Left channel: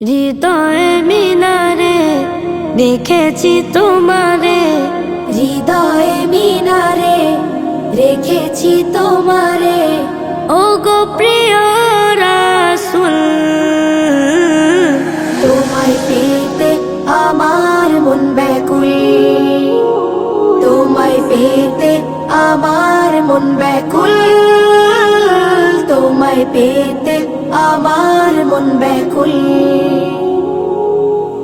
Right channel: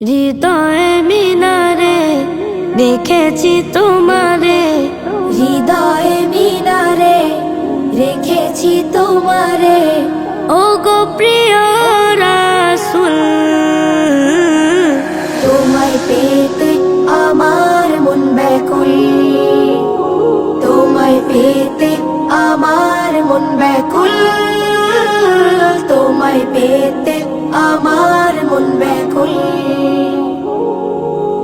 হৃদয়ে মিনারে দেখেছি তোমারে, হৃদয়ে মিনারে রেখেছি তোমারে, ও গো প্রিয় রাসূল। তোমায় পেতে আমার মন ব্যাকুল, তোমায় পেতে আমার মন ব্যাকুল, তোমায় পেতে আমার মন ব্যাকুল।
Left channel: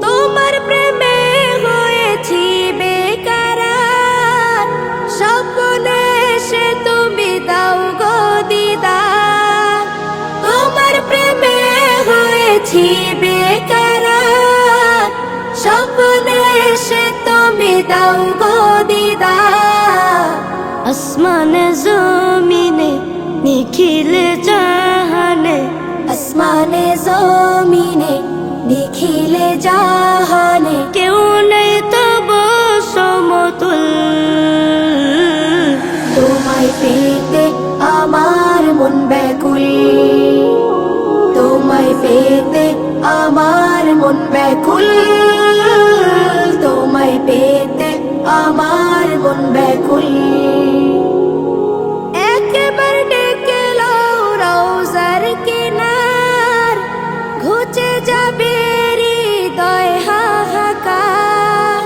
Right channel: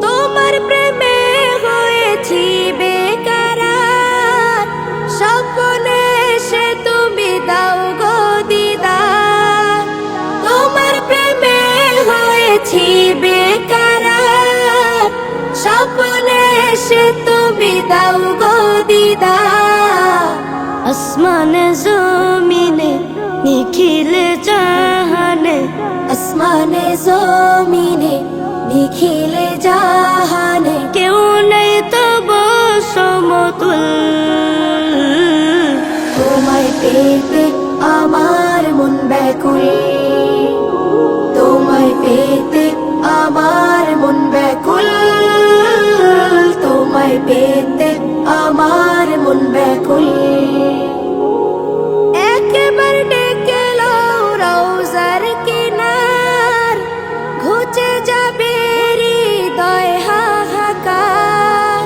তোমার প্রেমে হয়েছি বেকরার, স্বপ্নে সে তুমি দাও গো দিদার। তোমার প্রেমে হয়েছি বেকরার, স্বপ্নে সে তুমি দাও গো দিদার। আসমানে জমিনে নিখিলে জাহানে, আসমানে জমিনে নিখিলে জাহানে, কেউ নেই তব সমতুল। তোমায় পেতে আমার মন ব্যাকুল, তোমায় পেতে আমার মন ব্যাকুল, তোমায় পেতে আমার মন ব্যাকুল। একবার ডেকে লও রওজার কিনার, ঘুচে যাবে হৃদয় হাহাকার।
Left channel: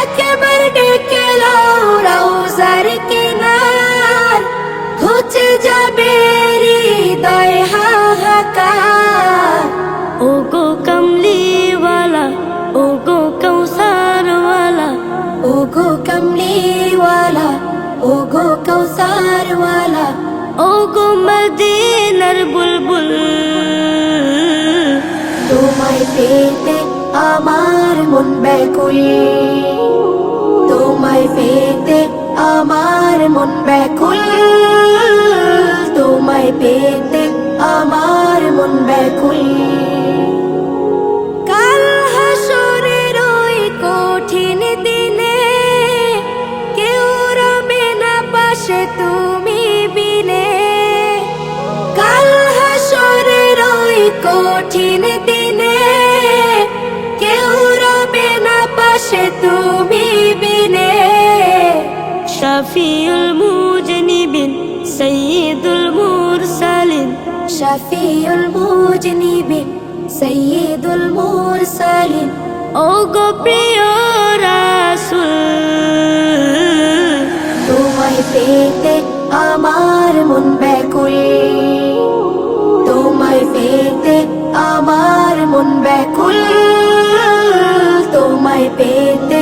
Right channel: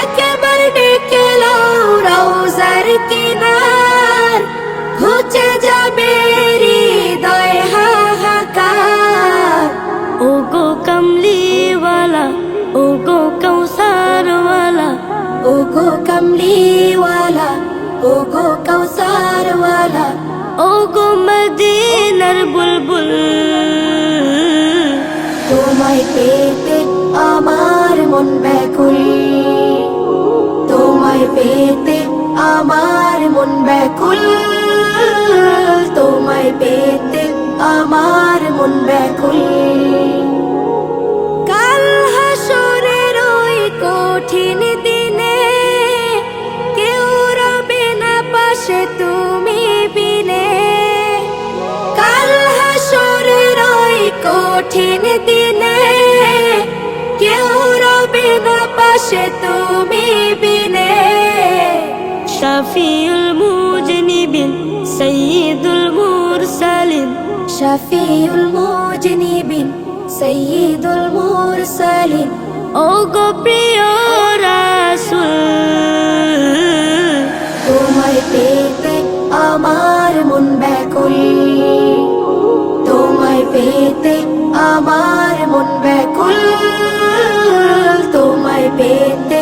একবার ডেকে লও রওজার কিনার, ঘুচে যাবে হৃদয় হাহাকার। ও গো কমলিওয়ালা, ও গো কৌসারওয়ালা, ও গো কমলিওয়ালা, ও গো কৌসারওয়ালা, ও গো মদিনার বুলবুল। তোমায় পেতে আমার মন ব্যাকুল, তোমায় পেতে আমার মন ব্যাকুল, তোমায় পেতে আমার মন ব্যাকুল। কাল হাসরের ওই কঠিন দিনে কেউ রবে না পাশে তুমি বিনে। কাল হাসরের ওই কঠিন দিনে কেউ রবে না পাশে তুমি বিনে। শাফিউল মুজনিবিন সাইয়্যিদুল মুরসালিন, শফিউল মুজনিবিন সাইয়্যিদুল মুরসালিন, ও গো প্রিয় রাসূল। তোমায় পেতে আমার মন ব্যাকুল, তোমায় পেতে আমার মন ব্যাকুল, তোমায় পেতে